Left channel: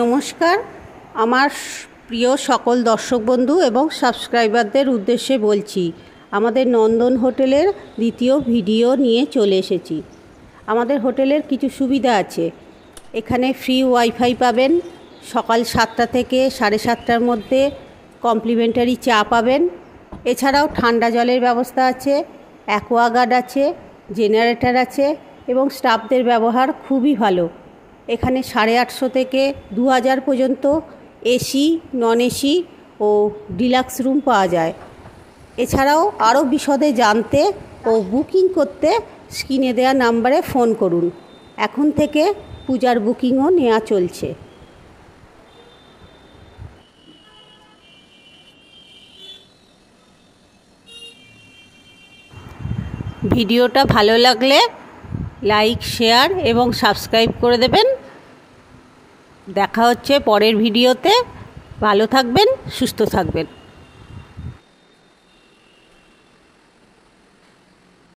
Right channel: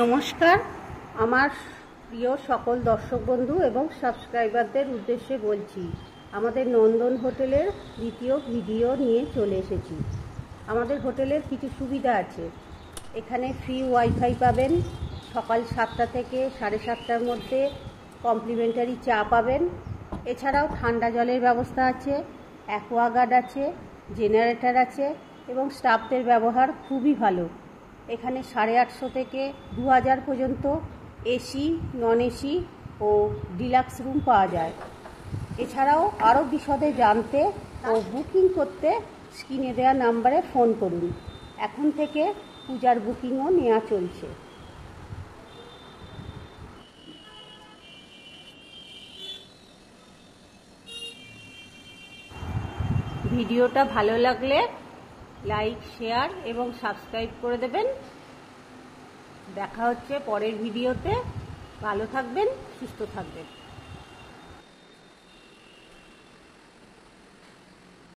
নমস্কার, আমার প্রিয় সকল দর্শক বন্ধু এবং সাবস্ক্রাইবারদের উদ্দেশ্যে বলছি, আমাদের নন্দন হোটেলের দ্বিতীয় ভিডিও নিয়ে চলে এসেছি। আমাদের হোটেলের কিছু সুবিধা আছে। এখানে ফ্রি ওয়াইফাই পাবেন, সকাল 7টা থেকে 7:30টার মধ্যে কমপ্লিমেন্টারি চা পাবেন। এছাড়াও ঠান্ডা জলের ব্যবস্থা আছে, অ্যাকোয়াগার্ড আছে, জেনারেটর আছে এবং স্টাফদের ব্যবহার খুবই ভালো। এখানে 850 থেকে 2000 পর্যন্ত এসি, নন এসি ও ডিলাক্স রুম পাওয়া যায়। এছাড়াও আরও বিশদে জানতে ও বুকিং করতে স্ক্রিনে দেওয়া নাম্বারে ফোন করুন। এখন থেকে পূজার বুকিংও নেওয়া চলছে। ভিডিওটা ভালো লাগলে লাইক, শেয়ার এবং সাবস্ক্রাইব করে দেবেন। দেখা হচ্ছে পরের ভিডিওতে। ভালো থাকবেন, সুস্থ থাকবেন।